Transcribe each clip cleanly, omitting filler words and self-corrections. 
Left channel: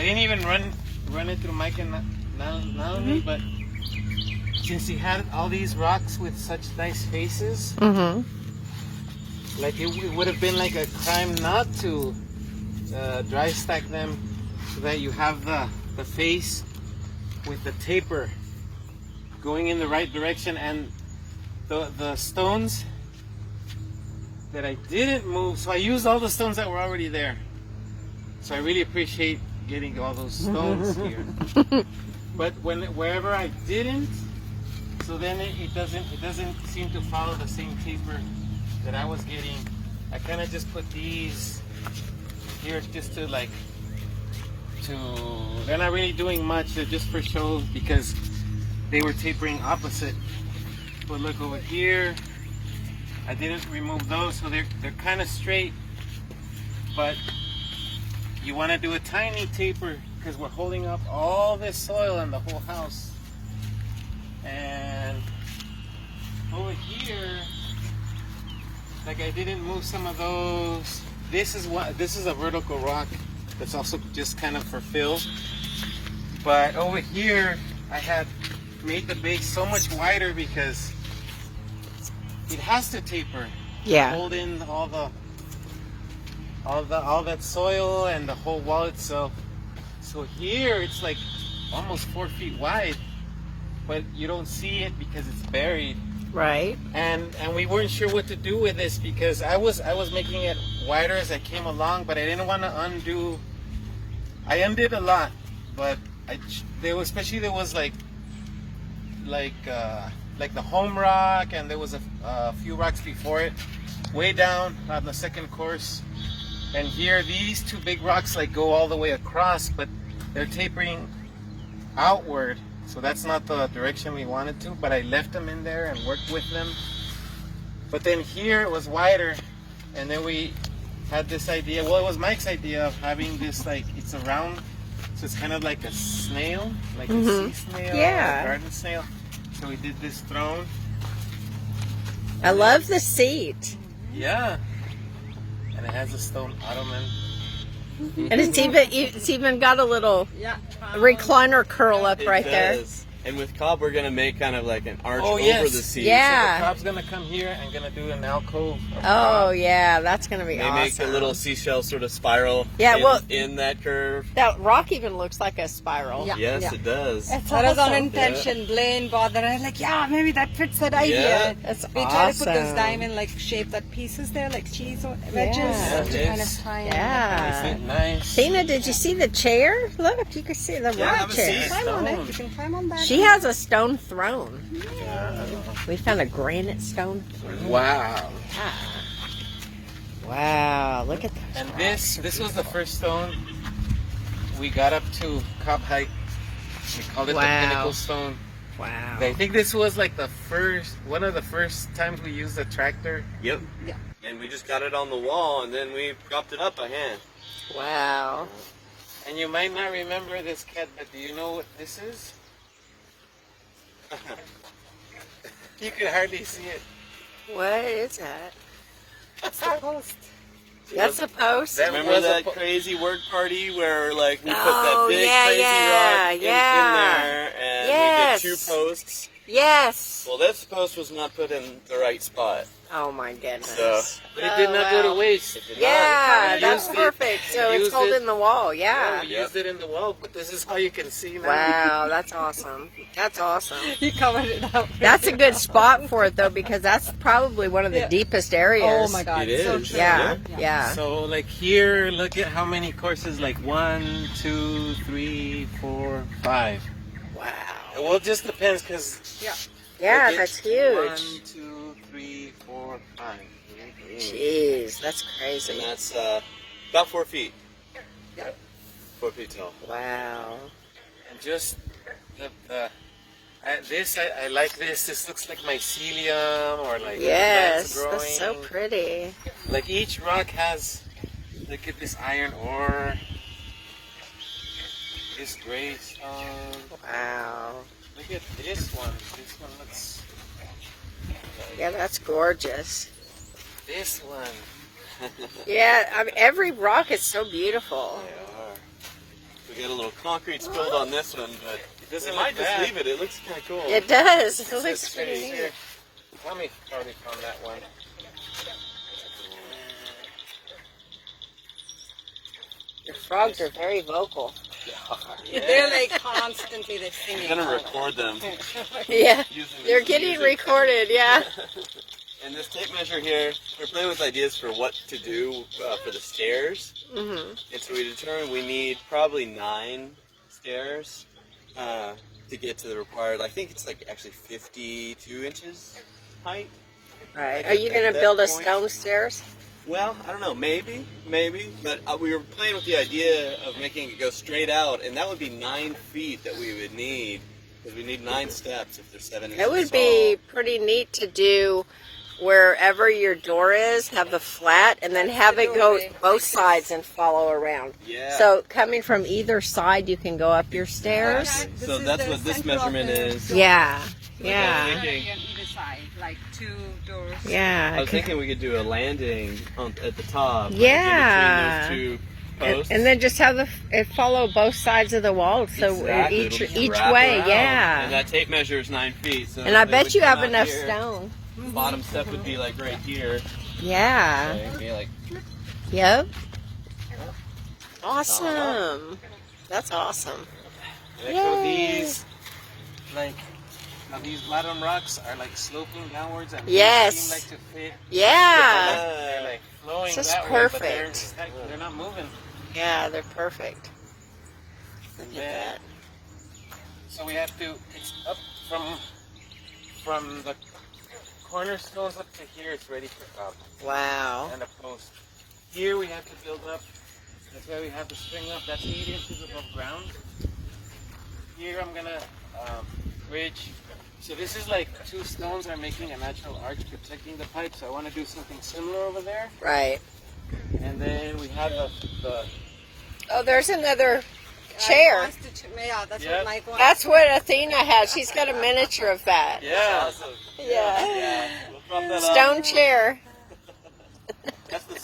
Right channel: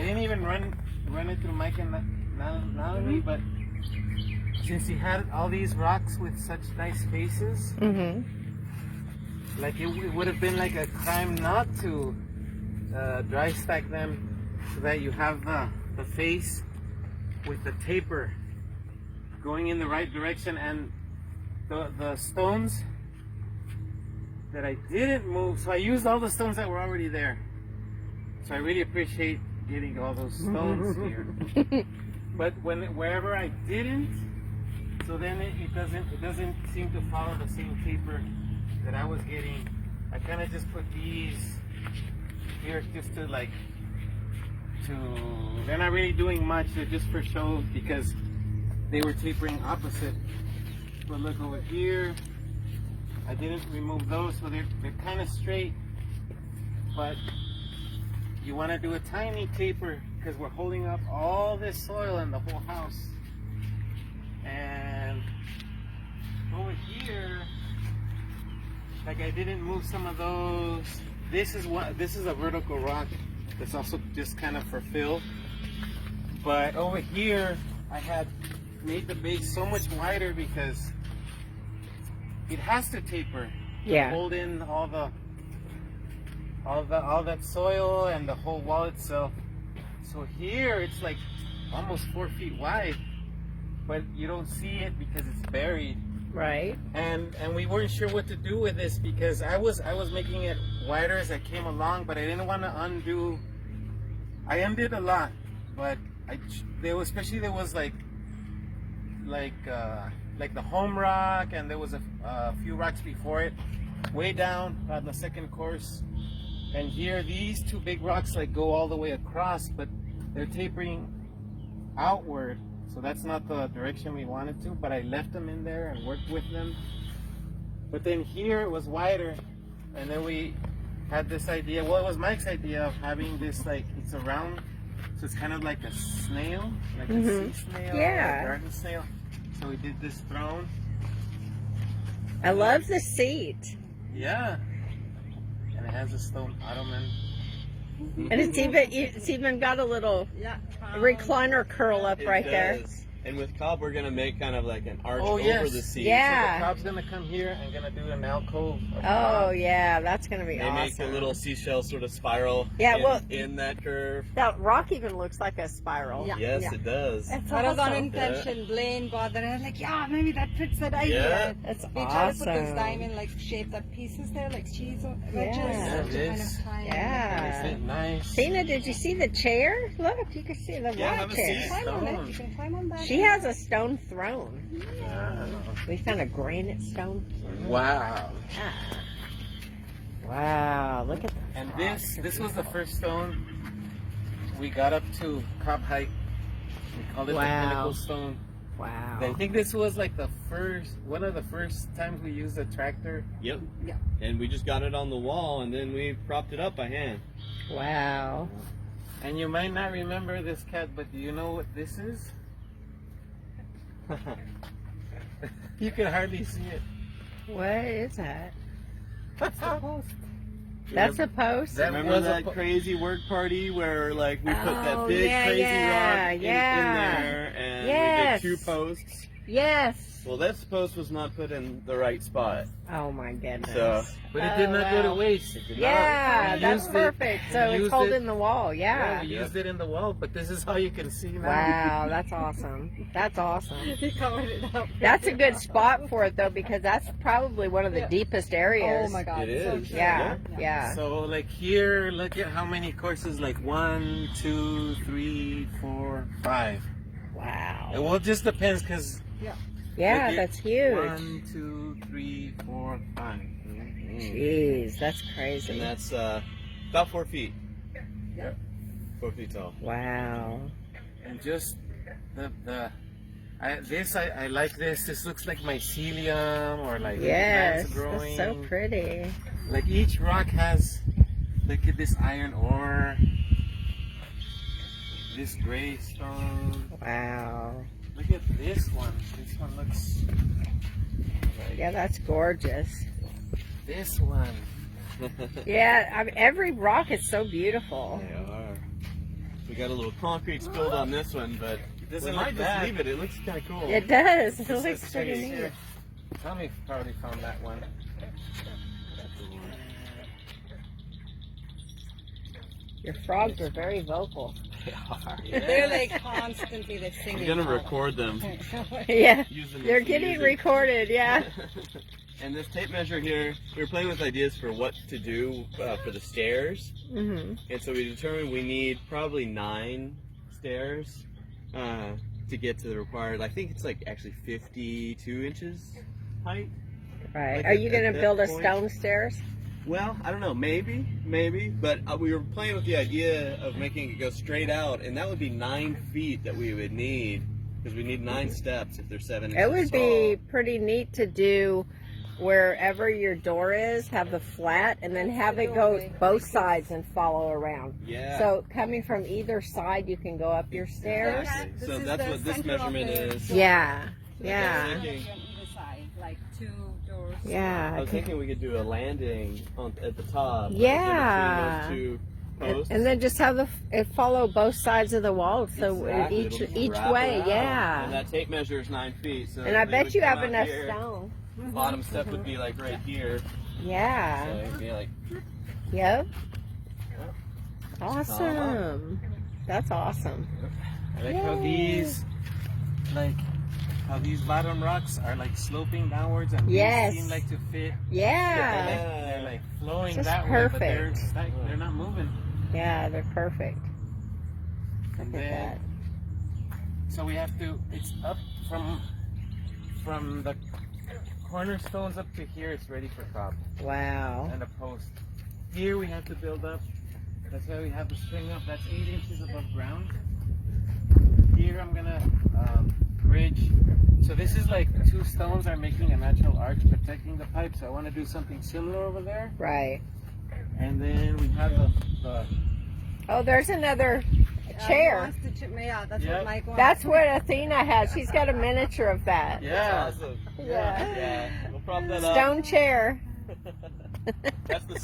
I didn't even run it through Mike and Nalini, but since he had all these rocks with such nice faces, like it would have been like a crime not to dry stack them so that you have the face with the taper going in the right direction, and the stones that I didn't move, so I used all the stones that were already there. So I really appreciate getting all those stones here. But wherever I didn't, so then it doesn't seem to follow the same taper that I was getting. I kind of just put these here just to they're not really doing much, they're just for show because they were tapering opposite. But look over here, I didn't remove those, so they're kind of straight, but you want to do a tiny taper because we're holding up all this soil in the whole house. And over here, like I didn't move some of those. This is a vertical rock that's also just kind of for fill. But over here, I had made the base so much wider because it has to taper. Yeah. Hold in all that soil and the whole wall itself. So here it's like almost 4 feet wide, but you don't see it because it's buried. Right. And we weren't sure what to do with this because I was making it wider as I came along, but I didn't want to undo. I undid a lot, but there was like the home rock, and there was a few rocks before it, way down on the second course. And here, these two big rocks like go all the way across, but they're tapering outward. So that's not the direction we wanted to, but I left them in there and worked with them. But then here it was wider, and then we had this idea, well, it was Mike's idea of having this, like, it's a round, so it's kind of like a snail, like a sea snail, Yeah. a garden snail. So we did this throne. I love the seat. Yeah. And it has a stone ottoman. And it's even got a little recliner curl up right there. And with Cobb, we're gonna make kind of like an arch Oh, over yes. the seat. Yeah. So the Cobb's gonna come here and gonna do an alcove. Oh yeah, that's gonna be They awesome. make a little seashell sort of spiral. Yeah, well- in that curve. That rock even looks like a spiral. Yeah. Yes, it does. That's That was awesome. unintention. Blaine bothered. I was like, yeah, maybe that fits that idea. Yeah. That's We tried to put those awesome. diamond like shaped that pieces there, like cheese or wedges, Yeah. to kind Yes. of tie in. Yeah. Isn't it nice? Tina, did you see the chair? Look, you can see the Yeah, rock have a chair. seat. Climb on it. You can climb on that. She has a stone throne. We found a granite stone throne. Wow. Yeah. Wow, look at that. And this was the first stone we got up to Cobb Height. We called it the Pinnacle Stone. Wow. I think this was like one of the first times we used a tractor. Yep. Yeah. And we just got it on the wall, and then we propped it up by hand. Wow. And you might not remember this, Cat, but do you know what this is? You can hardly see it. What is that? That's the post. That's a post? That Remember was that a crazy work party where like we put Oh, that big yeah, crazy yeah, rock in yeah. there, and Yes. we did 2 posts? Yes. Well, this post was not put in the right spot. Oh my goodness. So- But it did not go to wow. waste. It did Yeah, We that's used it. perfect. We So it's used holding it. the wall. Yeah, Yeah. we used it in the wall, but this is how you can see now. Wow, that's awesome. That's awesome. He covered it up. That's a good spot for it though, because that's probably one of the Yeah. deepest areas. Oh my God. It So is. true. Yeah, Yeah. yeah. So like here, look at how many courses, like 1, 2, 3, 4, 5. Wow. Well, it just depends because Yeah, look, that's it's huge. 1, 2, 3, 4, 5. Jeez, that's And crazy. that's about 4 feet. 4 feet tall. Wow. And just I like this. This looks like mycelium or like Yes, plants that's so growing. pretty. Like each rock has, look at this iron ore, this gray stone. Wow. Look at this one. This one looks like Yeah, that's gorgeous. this one. Yeah, I mean, every rock is so beautiful. We got a little concrete spilled on this one, but It doesn't we look might just bad. leave it. It looks kind of cool. It does. It This looks is pretty neat. here. Tommy already found that one. Your frogs are very vocal. They're like constantly they're singing. I'm gonna record them. Yeah, Using they're this getting music. recorded. Yeah. And this tape measure here, we were playing with ideas for what to do for the stairs. Mhm. And so we determined we need probably 9 stairs to get to the required. I think it's like actually 52 inches height. Right. At Are you that gonna build a point- stone stairs? Well, I don't know, maybe, but we were playing with the idea of making it go straight out, and that would be 9 feet that we would need, because we need 9 steps if they're 7 inches It would be pretty neat to do wherever your door is, have the flat, and then have it go both sides and follow around. Yeah. So coming from either side, you can go up your stairs. This So is that's the what this center of measurement the is. door. Yeah. On Yeah. either side, like 2 doors. I Yeah. was thinking we could do a landing at the top. Yeah. In between those 2 And, posts. and then just have it follow both sides of the wall, so Exactly, each it'll just each wrap way. around. And Yeah. that tape measure is 9 feet. So And I then bet we you come have out enough here. stone. The bottom step would be like right here. So Yeah. it'd be like, Yep. Awesome. That's awesome. I like how Yay. these, like, how these bottom rocks are like sloping downwards and Yes. these seem like to fit. Yeah. They're like flowing This is that way, but perfect. they're not moving. Yeah, they're perfect. Look at Yeah. that. So we have to. It's up from the cornerstones up to here. It's ready for top Wow. and a post. Here we have to build up. That's why we have the string up. That's 8 inches above ground. Here I'm gonna bridge. So this is like 2 stones are making a natural arch protecting the pipe. So I want to do something similar over there. Right. And then we have the Oh, there's another He chair. wants to yeah, that's Yep. what Mike wants. That's what Athena has. She's got a miniature of that. yeah. awesome. Yeah. Yeah. We'll prop that up. Stone chair. That's the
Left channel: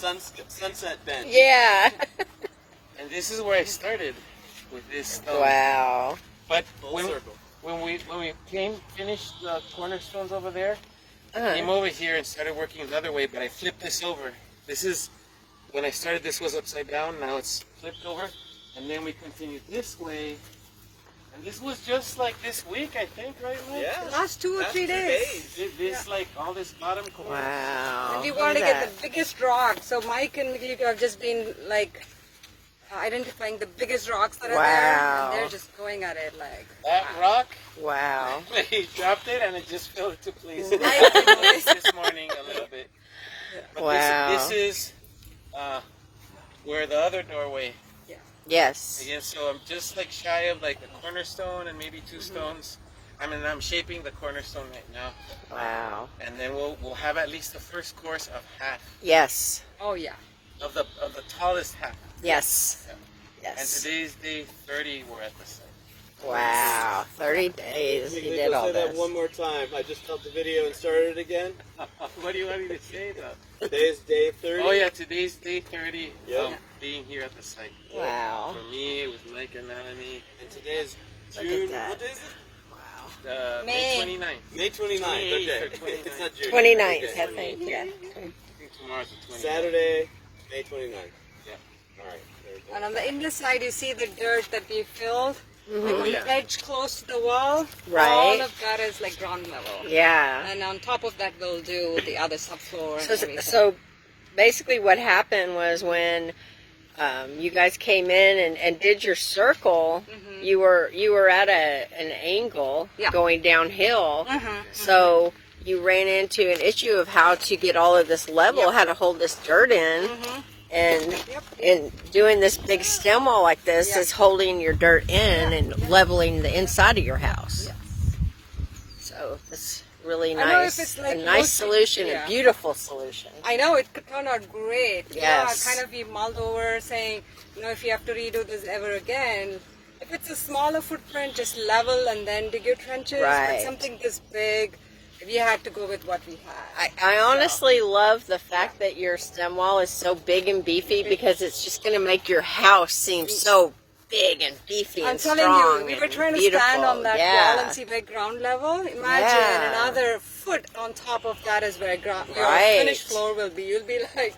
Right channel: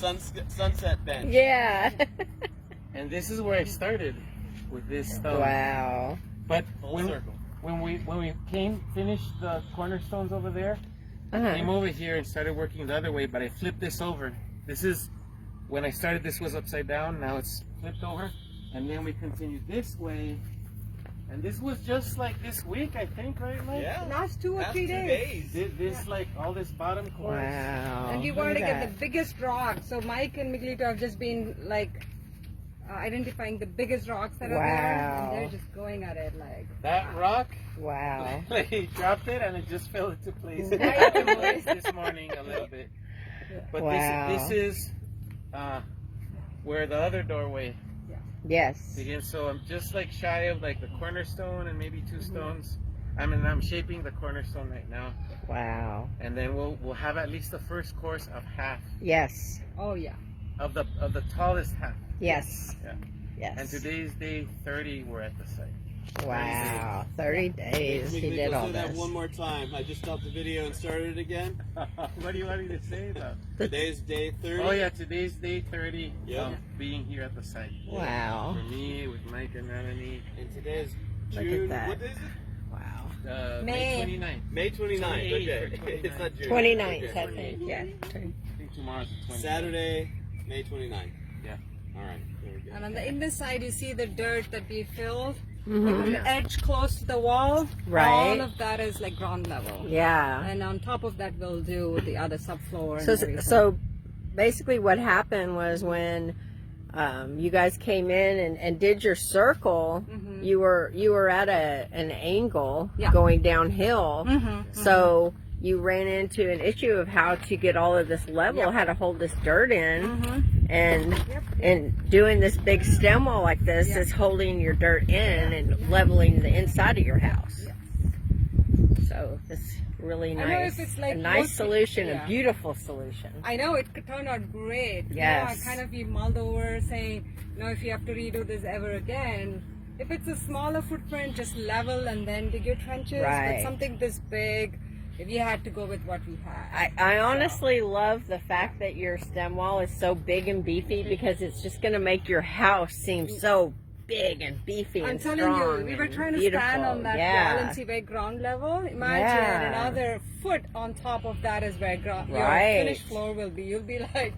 sunset bench. Yeah. And this is where I started with this stone. Wow. But Full when circle. we finished the cornerstones over there, I Uh-huh. came over here and started working the other way, but I flipped this over. This is, when I started this was upside down, now it's flipped over. And then we continued this way. And this was just like this week, I think, right, Mike? Yeah. Last 2 or That's 3 2 days. This like, all this bottom corner. Wow. And we Look want to at get that. the biggest rock. So Mike and Miguelito have just been like identifying the biggest rocks that are there, Wow. and they're just going at it like. That rock, Wow. they dropped it and it just fell into place. Nice. This morning a little bit. But Wow. this is where the other doorway Yes. begins. So I'm just like shy of like the cornerstone and maybe 2 stones. I'm shaping the cornerstone right now. Wow. And then we'll have at least the first course of half Yes. Oh yeah. of the tallest half. Yes. Yeah. And Yes. today's day 30. We're at the site. Wow. 30 days. He Nick, did all say that this. one more time. I just stopped the video and started it again. What do you want me to say about? Today's day 30. Oh yeah, today's day 30. Yeah. Being here at the site. Wow. For me, with Mike and Melanie. And today is Look at June. that. What is it? Wow. May 29th. May 29th. 28th or Okay. 29th. It's not June. 29th, Okay. I think. Yeah. I think tomorrow's the 29th. Saturday, May 29th. Yeah. All right. Very good. And on the inner side, you see the dirt that we filled. Mhm. On the edge close to the wall, Right. all of that is like ground level. Yeah. And on top of that, we'll do the other subfloor. And So, everything. so basically what happened was when you guys came in and did your circle, you were at an angle Yeah. going downhill. So you ran into an issue of how to get all of this level, how to hold this dirt in. And doing this big stem wall like this is holding your dirt in and leveling the inside of your house. So it's really I know nice. if it's like a nice most- solution, yeah. a beautiful solution. I know it could turn out great. Yes. Yeah, kind of we mulled over saying, if you have to redo this ever again, if it's a smaller footprint, just level and then dig your trenches. Right. But something this big, we had to go with what we had. I honestly love the fact that your stem wall is so big and beefy because it's just going to make your house seem so big and beefy I'm and telling strong. you, we were and trying to beautiful. stand on that yeah. wall and see where ground level. Imagine Yeah. another foot on top of that is where your Right. finished floor will be. You'll be like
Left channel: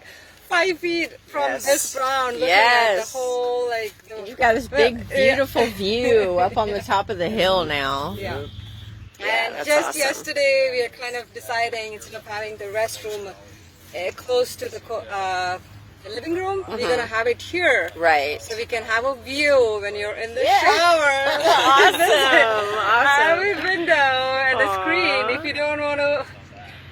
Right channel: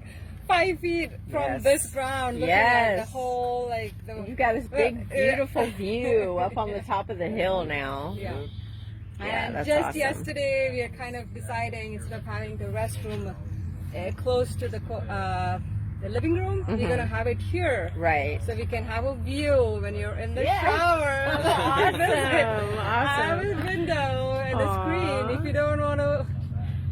5 feet from Yes. this ground, looking Yes. at the whole like. You've got this big, Yeah. beautiful view up on the top of the hill now. Yeah. Yeah, And that's just awesome. yesterday, we are kind of deciding instead of having the restroom close to the living room, we're gonna have it here. Right. So we can have a view when you're in the Yeah. shower. Awesome, Have awesome. a window and a Aw. screen. If you don't want to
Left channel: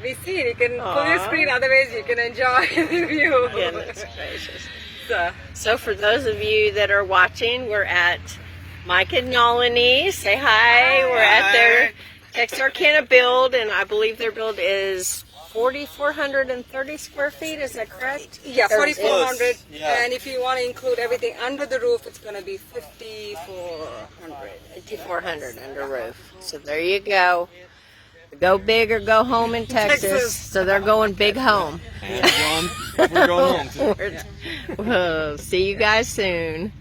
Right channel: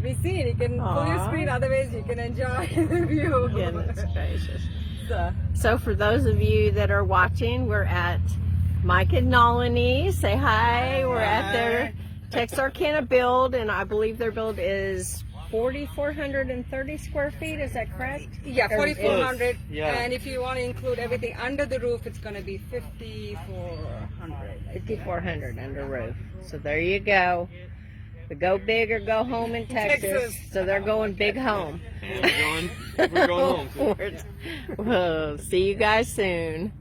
be seen, you can pull your Aw. screen. Otherwise, you can enjoy the view. Goodness gracious. So, So for those of you that are watching, we're at Mike and Nolani. Say hi. We're at their Texarkana build, and I believe their build is 4,430 square feet. Is that correct? yeah, Or 4,400. Yeah. And if you want to include everything under the roof, it's going to be 5,400. 5,400 under roof. So there you go. Go big or go home in Texas. Texas. So they're going big home. And we're going home too. We'll see you guys soon.